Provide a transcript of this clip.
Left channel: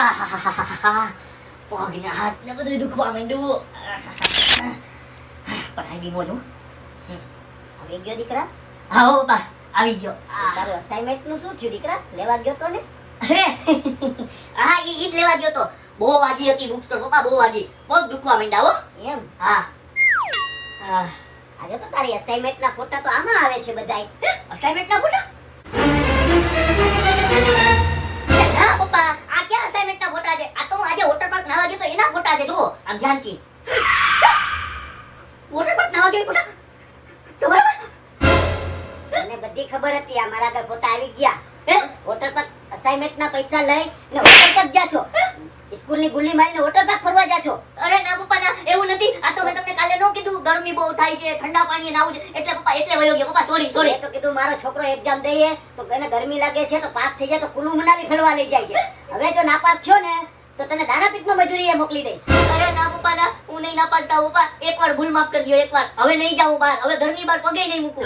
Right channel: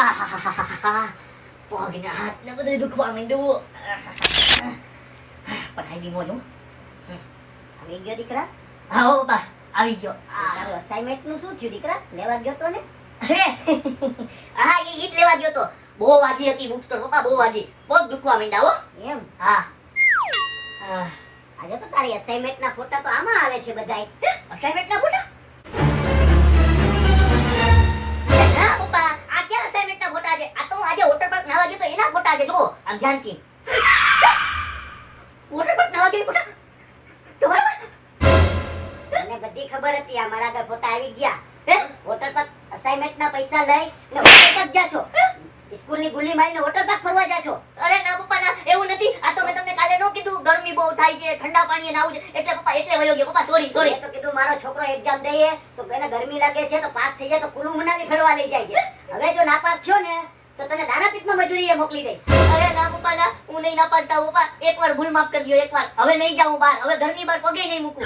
આહાહાહાહા. પગને હાથને બધું દુખવા માંડ્યું. પણ આવી મોજ હો. આવી ગયો દીકરા? હા હો બાપા, આવી ગયો. તારું અસાઇનમેન્ટ નું શું થયું દીકરા? લેવા ગયો તો ને? હા ઈ જ લેવા ગયો તો. બહુ વાગી હતી બુક્સ તો પપ્પા, બહુ વાગી. પગ દુખવા માંડ્યા હો. એમ? હા. હા. આજે તો તારી અસાઇનમેન્ટ ના ફોટા તો આમાં આવે છે બધાય. અસાઇનમેન્ટ ના ફોટા? ના પપ્પા, આ ક્યાં અસાઇનમેન્ટ ના ફોટા છે? આ તો હું આજે વોટર પાર્ક નાવા ગયો તો એના ફોટા છે. જુઓ આમ ધ્યાનથી. વોટર પાર્ક નાવા ગયો ફોટા? તમારા મને બધી ખબર હતી આ મારા આગળ ફોટા આવી ગયા. હે? વોટર પાર્ક અસાઇનમેન્ટ ના પૈસા લઈ ને વોટર પાર્ક જા છો. સ્કૂલ ની ગુલ્લી મારીને વોટર પાર્ક ફરવા જા છો. અરે ના પપ્પા ના, એવું નથી. આ તો મેં તમને કાલે નો કીધું ગરમી બહુ થાય છે, ઠંડા પાણીએ નાવું છે, એટલે પપ્પા એટલે વયો ગયો. પપ્પા સોરી સોરી. મેં તો કીધું મારો છોકરો એક્ઝામ દઈએ તો એને ગરમી લાગે છે તો પાસ થઈ જાય તો કુલુ મનાલી ફરવા લઈ જાય છે. હવે જો નાપાસ થયો ને તો તને દાણાપીઠમાં મજૂરીએ મોકલી દઈશ. અરે ના પપ્પા ના, હું નહીં નાપાસ થાઉં પપ્પા. એકવાર ભૂલ માફ કરી દો, એકવાર. હવે નહીં જાઉં બહાર. હવે ઘરની બહાર પગે નહીં મૂકું.